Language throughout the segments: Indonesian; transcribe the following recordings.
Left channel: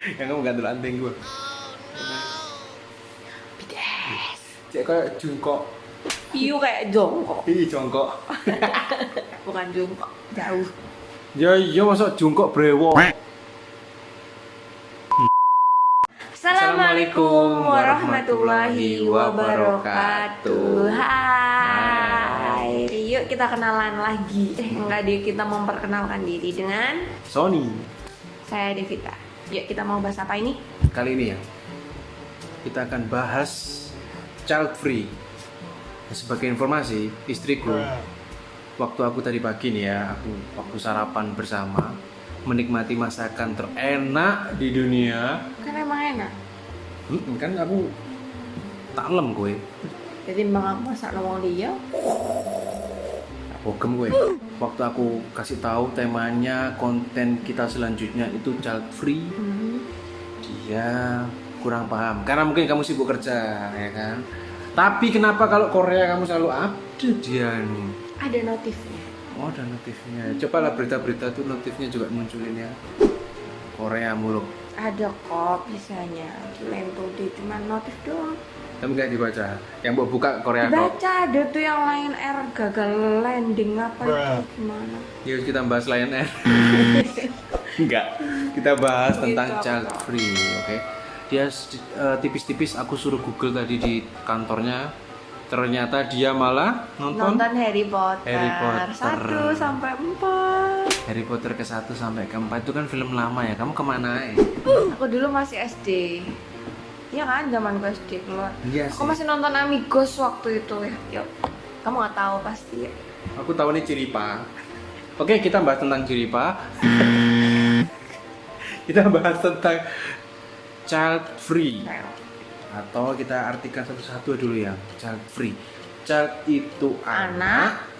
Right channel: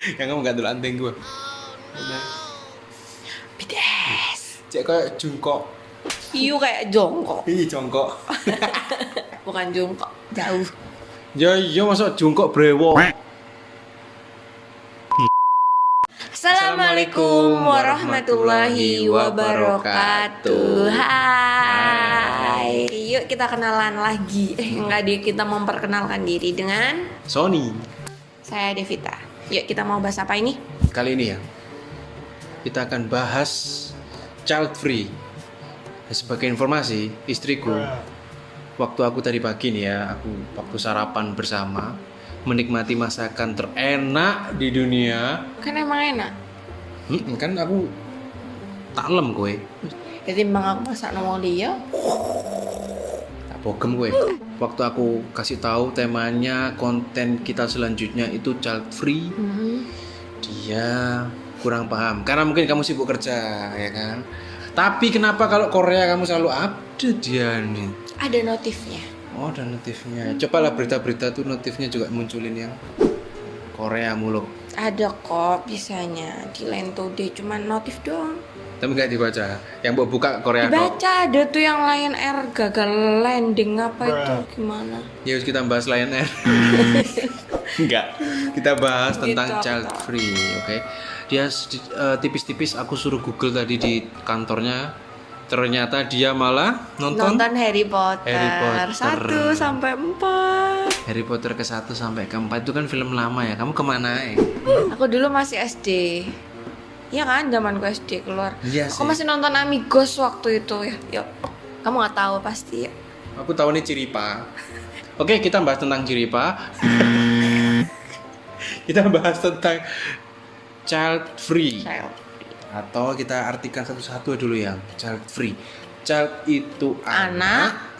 Yang kamu gak dulu anting gue. BTS. Cek kayak jungkok. Iya kayak jongkok. Ih, jongkok. Bukan jongkok, jauh. Ya iya masa jungkok brewok. Assalamualaikum warahmatullahi wabarakatuh. Hai. Yuk kita kenalan lagi. Enggak deh, kita memperkenalkan diri dengan Sony. saya Devita. Yuk kita mau bahas apa ini? Kali ini ya kita akan bahas child free. Sebagai informasi, istriku waktu aku tadi pagi nih ya, aku waktu sarapan bersama menikmati masakan terenak di dunia. Kan emang enak. Kan aku taklem kowe. Jadi bang aku masak nongol dia. Bogem kowe. Waktu aku kasih tahu temanya konten kita selanjutnya itu child free, dia kurang paham karena mungkin kamu sibuk kerja ya kan. Tapi kenapa kalau Korea kamu selalu update dia nih? Ada notifnya. Oh, ada notifnya. Cobalah berita-berita tuh notifnya juga munculin yang Korea mulu. Ada kok bisanya di Line Today, cuman notif doang. Tapi nggak dibaca. Yang mau buka Korea kok. Baca ada tuh yang Lion Air gagal landing apa itu gimana? Ya kita bahas lain aja. Enggak. Kita bahas tentang Gitu. child free, oke. Dia tipis-tipis aku suruh Google tadi di kantornya. Ternyata dia malah nonton Harry Potter, Harry Potter. 1 sampai 4. Harry Potter ke 1 sampai ke 4 itu kan film lama ya. Kamu kemana ya? Aku dulu masih SD. Iya kan, zamanku SD keluar. Iya Aku sih. masih nonton Amigos waktu itu ya. Yuk. Kamu nggak tahu pasti ya. Aku tahu nih Ciripa. Oke, kita bahas tentang Ciripa. Kita bahas tentang child free. Child. Atau kita artikan satu-satu dulu ya. Child free. Child itu anak,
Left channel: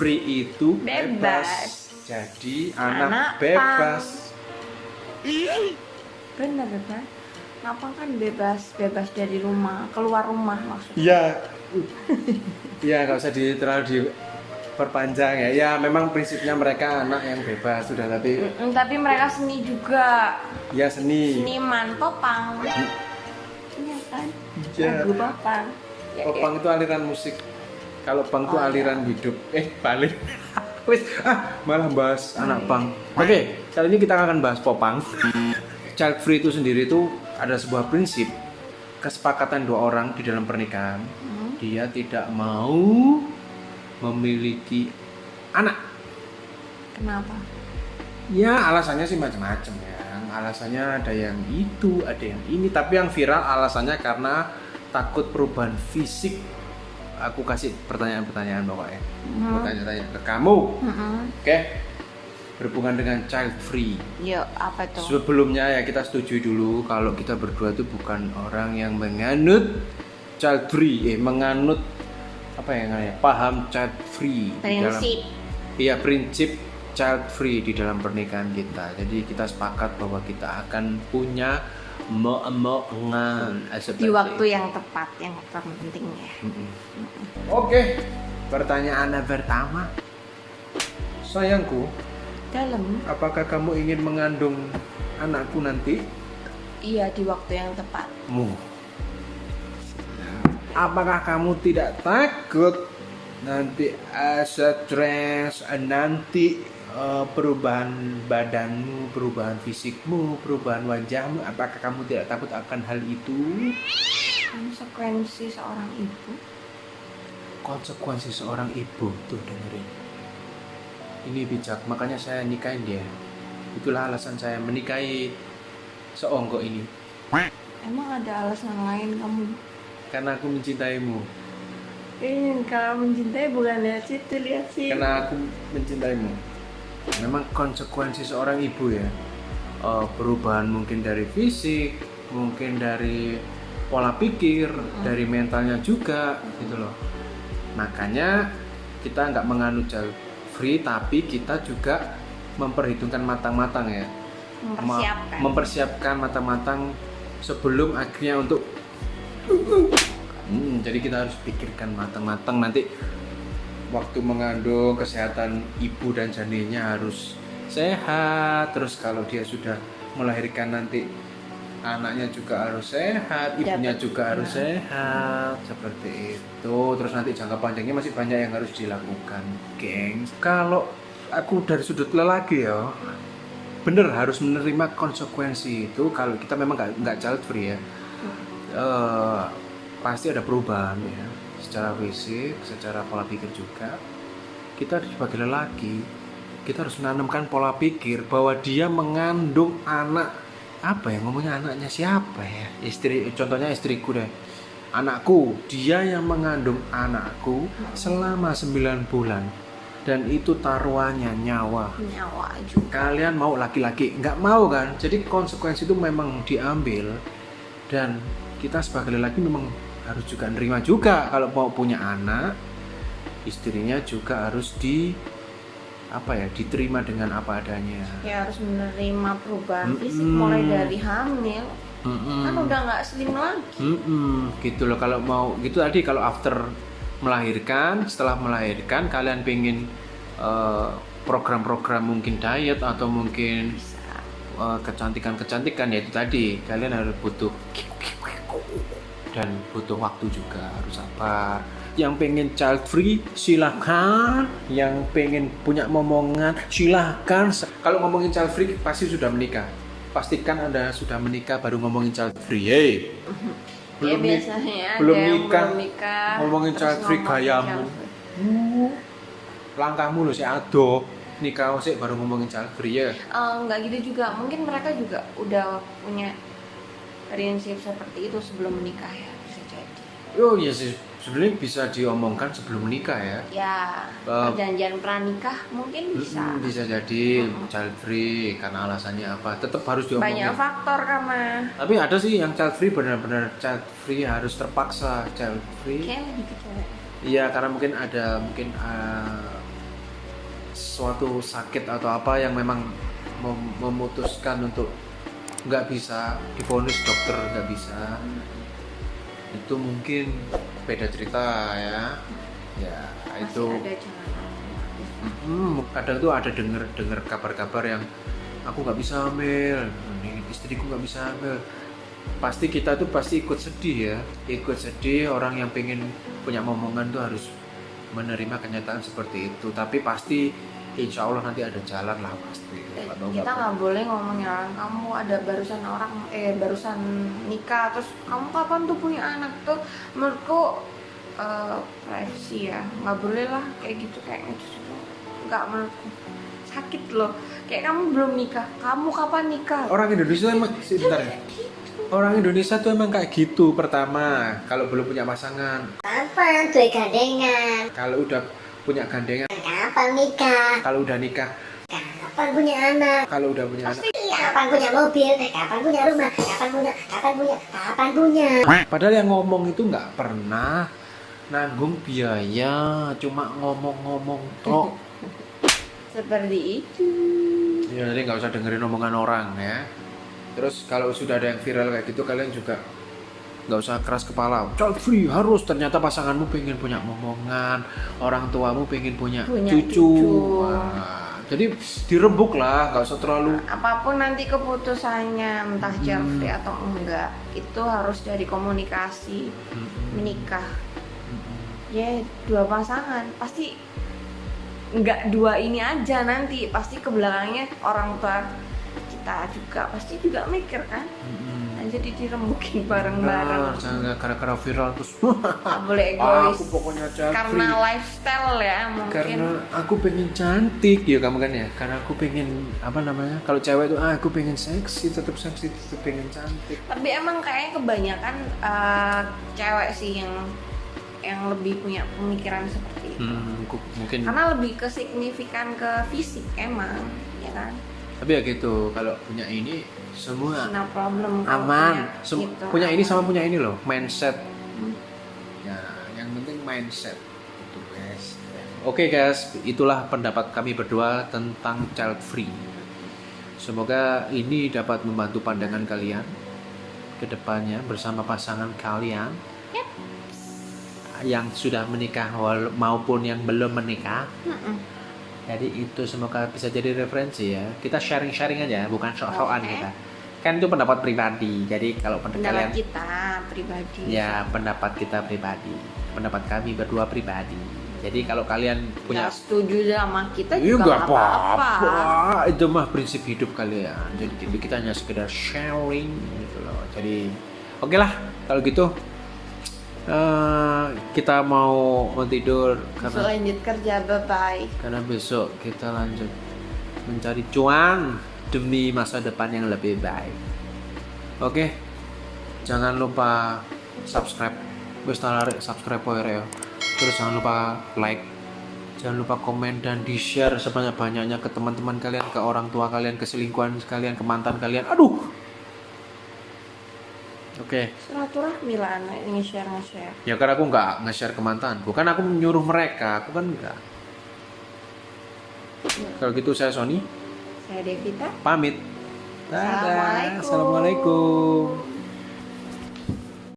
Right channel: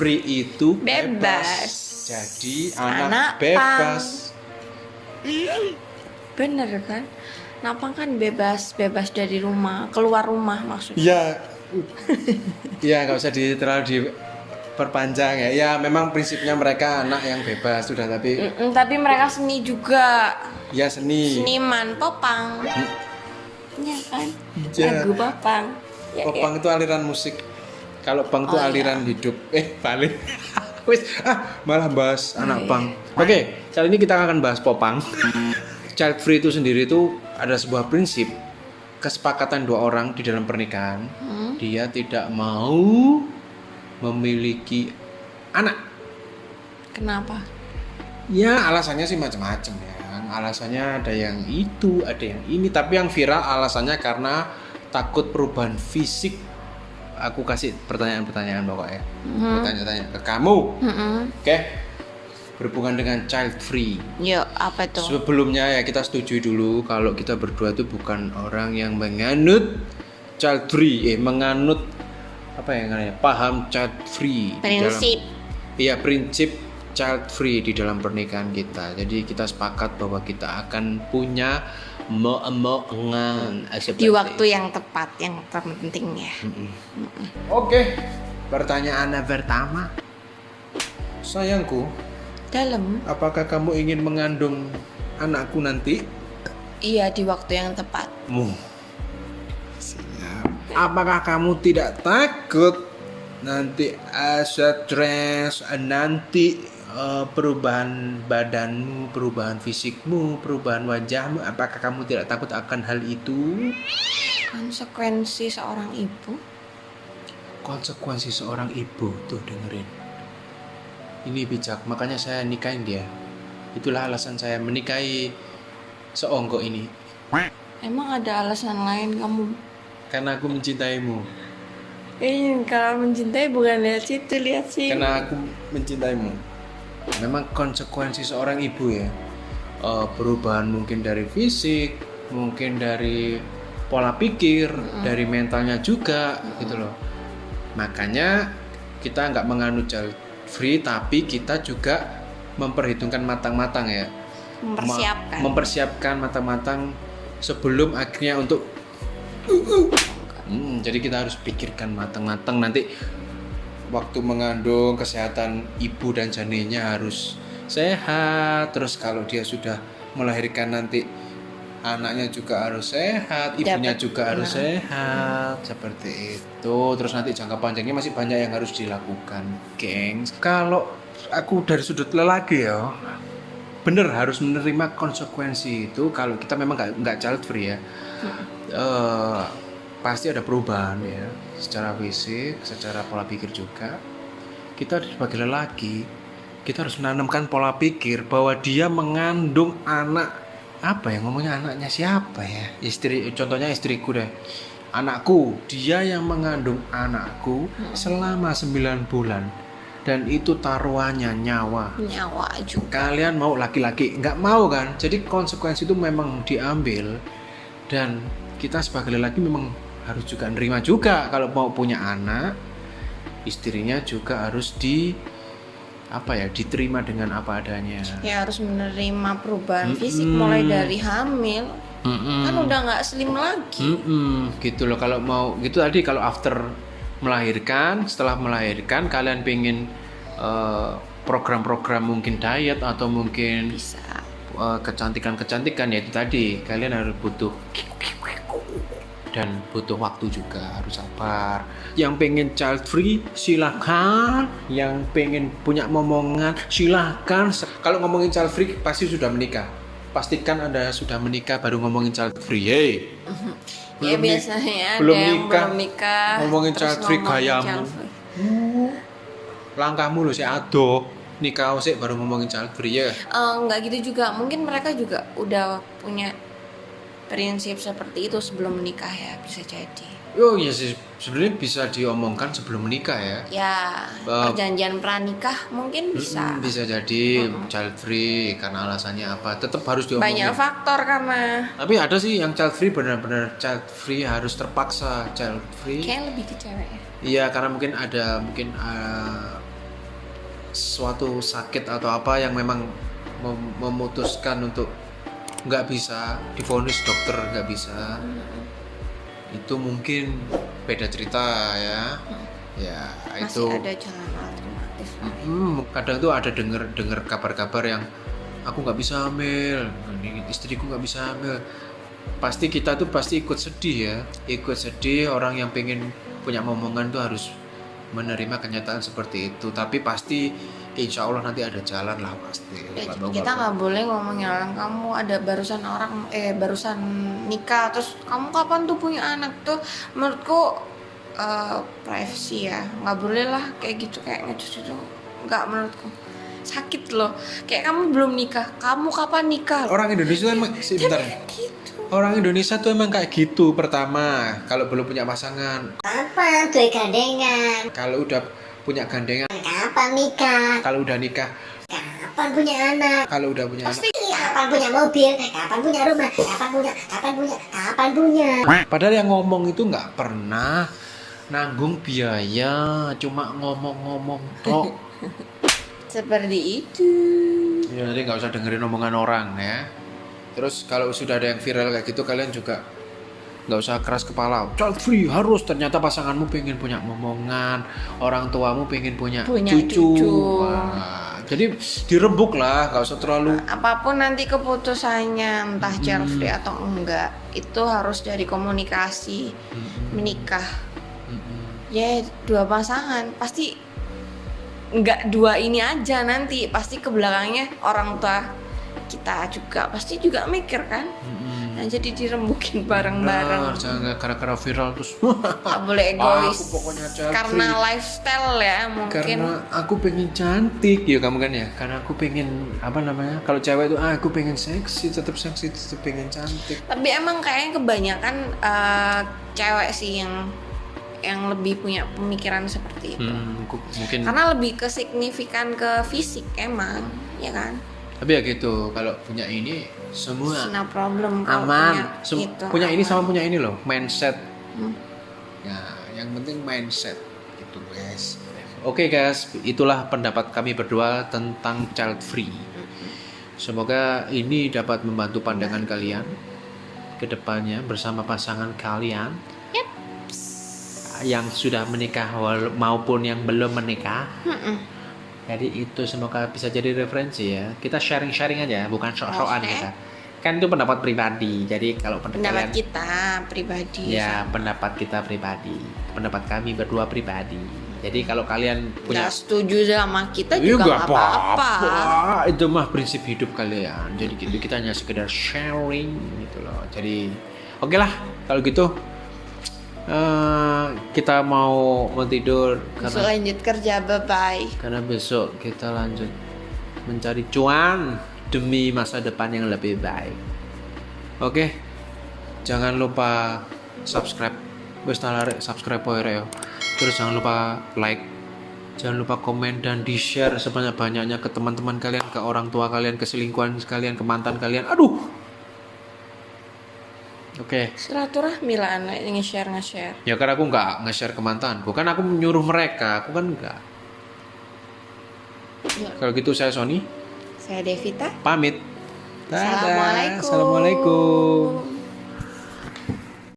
free itu Bebas. Jadi Anak anak bebas. Bener kan? Napang kan bebas dari rumah, keluar rumah maksudnya. Iya. Iya, nggak usah terlalu diperpanjang ya. Ya, memang prinsipnya mereka anak yang bebas sudah, tapi Tapi mereka seni juga. ya seni. Seniman popang. Iya kan? Iya. Lagu popang. Ya, Popang itu aliran musik. Kalau pang itu aliran hidup. Balik. Wis, malah bahas anak pang. Oke, kali ini kita akan bahas popang. Child free itu sendiri itu ada sebuah prinsip kesepakatan dua orang di dalam pernikahan. Dia tidak mau memiliki anak. Kenapa? Ya alasannya sih macam-macam ya. Alasannya ada yang itu, ada yang ini. Tapi yang viral alasannya karena takut perubahan fisik. Aku kasih pertanyaan-pertanyaan pokoknya. Pertanyaan-pertanyaan ke kamu. Oke. Berhubungan dengan child free. Yuk, apa tuh? Sebelumnya ya kita setuju dulu kalau kita berdua itu bukan orang yang menganut child free, menganut apa ya namanya? Paham child free Prinsip. Iya, prinsip child free di dalam pernikahan kita. Jadi kita sepakat bahwa kita akan punya omongan Di waktu yang tepat, yang terpenting ya. Oke, pertanyaan pertama. Sayangku, Dalam. apakah kamu ingin mengandung anakku nanti? Iya, di waktu yang tepat. Apakah kamu tidak takut nanti stres, nanti perubahan badanmu, perubahan fisikmu, perubahan wajahmu? Apakah kamu tidak takut akan hal itu? Konsekuensi seorang ibu. Konsekuensi seorang ibu tuh dengerin. Ini bijak, makanya saya nikahin dia. Itulah alasan saya menikahi seonggok ini. Emang ada alasan lain kamu? Karena aku mencintaimu. Kalau mencintai bukan lihat situ, lihat sini. Karena aku mencintaimu. Memang konsekuensi seorang ibu ya. Perubahan mungkin dari fisik, mungkin dari pola pikir, dari mentalnya juga gitu loh. Makanya kita nggak menganut child free, tapi kita juga memperhitungkan matang-matang ya. Mempersiapkan matang-matang sebelum akhirnya untuk jadi kita harus pikirkan matang-matang nanti waktu mengandung, kesehatan ibu dan janinnya harus sehat. Terus kalau dia sudah melahirkan nanti anaknya juga harus sehat, ibunya Dapat, juga harus sehat, seperti itu. Terus nanti jangka panjangnya masih banyak yang harus dilakukan, gengs. Kalau aku dari sudut lelaki ya, bener harus menerima konsekuensi itu. Kalau kita memang nggak child free ya, pasti ada perubahan ya, secara fisik, secara pola pikir juga. Kita sebagai lelaki, kita harus menanamkan pola pikir bahwa dia mengandung anak, apa ya ngomongnya, anaknya siapa ya, istri, contohnya istriku deh, anakku, dia yang mengandung anakku selama 9 bulan, dan itu taruhannya nyawa juga. Kalian mau laki-laki nggak mau kan, jadi konsekuensi itu memang diambil. Dan kita sebagai lelaki memang harus juga nerima juga, kalau mau punya anak, istrinya juga harus diterima dengan apa adanya. Ya harus menerima perubahan fisik mulai dari hamil. Kan udah nggak slim lagi. Gitu loh, kalau mau gitu tadi, kalau after melahirkan, setelah melahirkan kalian pengen program-program mungkin diet atau mungkin kecantikan ya, itu tadi kalian harus butuh dan butuh waktu juga, harus sabar. Yang pengen child free silakan, yang pengen punya momongan silakan. Kalau ngomongin child free pasti sudah menikah. Pastikan Anda sudah menikah baru ngomongin child free. Hey. Ya biasanya belum ada yang nikah, belum nikah ngomongin terus child free ngomongin gayamu. child free. Langkahmu loh, si ado nikah sih baru ngomongin child free ya. Nggak gitu juga, mungkin mereka juga udah punya prinsip seperti itu sebelum menikah ya, bisa jadi. Oh iya sih, sebenarnya bisa diomongkan sebelum menikah ya. Ya, perjanjian pranikah mungkin bisa. Bisa jadi child free karena alasannya apa, tetap harus diomongin. Banyak faktor karena. Tapi ada sih yang child free benar-benar child free, harus terpaksa child free. Kayak lebih ke cewek ya. Iya, karena mungkin suatu sakit atau apa yang memang memutuskan untuk nggak bisa, divonis dokter nggak bisa. Itu mungkin beda cerita ya. Ya Masih itu. ada jalan alternatif. Kadang tuh ada dengar kabar-kabar yang aku nggak bisa hamil, istriku nggak bisa hamil. Pasti kita tuh pasti ikut sedih. Orang yang pengen punya momongan tuh harus menerima kenyataan seperti itu. Tapi pasti insya Allah nanti ada jalan lah pasti. Kita nggak boleh ngomongin orang, kamu ada barusan nikah terus kamu kapan tuh punya anak, tuh menurutku privacy ya, nggak boleh lah kayak gitu, kayak ngecus itu nggak, menurutku sakit loh. Kayak kamu belum nikah, kamu kapan nikah? Orang Indonesia emang Orang Indonesia tuh emang kayak gitu. Pertama, kalau belum punya pasangan, kapan tuh gandengan? kalau udah punya gandengan, Kapan nikah? kalau udah nikah, Kapan punya anak? kalau udah punya anak. Kapan punya mobil? Kapan punya rumah? Kapan punya? Padahal yang ngomong itu nggak pernah nanggung biaya, cuma ngomong-ngomong tok. Seperti itu. Ya nanti nggak usah dengerin omongan orang ya. Terus kalau sudah ada yang viral kayak gitu, kalian juga nggak usah keras kepala. Child free harus, ternyata pasanganmu pengen punya momongan, orang tuamu pengen punya cucu. Wah, jadi dirembuk lah, nggak usah terlalu. Apapun nanti keputusannya, entah child free atau enggak, itu harus dari komunikasi. Menikah ya dua pasangan, pasti nggak dua ini aja, nanti pasti ke belakangnya orang tua kita juga pasti juga mikir kan. Nah jadi dirembukin bareng-bareng. Jangan gara-gara viral terus Nggak boleh egois. Aku pokoknya child Karena free. lifestyle ya mungkin. Karena aku pengen cantik ya, kamu kan ya. Karena aku pengen kalau cewek itu aku pengen seksi, tetap pengen cantik. Tapi emang kayaknya kebanyakan cewek sih yang lebih punya pemikiran seperti itu. Mungkin. Karena lebih ke signifikan ke fisik emang, ya kan? Tapi ya gitu, kalau punya ini semua No problem kalau aman. punya gitu. Punya ini sama punya ini loh, mindset. Ya, yang penting mindset gitu guys. Oke guys, itulah pendapat kami berdua tentang child free. Semoga ini dapat membantu pandangan kalian ke depannya bersama pasangan kalian. Yang sudah menikah maupun yang belum menikah. Jadi itu semoga bisa jadi referensi ya. Kita sharing-sharing aja, bukan sok-sokan kita. kan itu pendapat pribadi. Jadi kalau pendapat kalian, kita pribadi. ya pendapat kita pribadi, pendapat kami berdua pribadi. Jadi kalau kalian punya Nggak setuju sama kita iya juga nggak nggak apa-apa. apa-apa, itu mah prinsip hidup kalian. Jadi gitu, kita hanya sekedar sharing gitu loh. Jadi oke lah kalau gitu, kita mau tidur Besok lanjut kerja, bye-bye. karena besok kita lanjut mencari cuan demi masa depan yang lebih baik. Oke, jangan lupa subscribe, wes nalare subscribe ya. Terus jangan lupa like, jangan lupa komen dan di share sebanyak-banyaknya ke teman-teman kalian, ke orang tua kalian, ke selingkuhan kalian, ke mantan kalian. Aduh. Oke. Silaturahmi lah anak nge-share. Ya kan aku nggak nge-share ke mantanku, kan aku menyuruh mereka, aku kan enggak. Kalau gitu saya Sony Saya Devita. pamit. Dadah. Assalamualaikum. Assalamualaikum.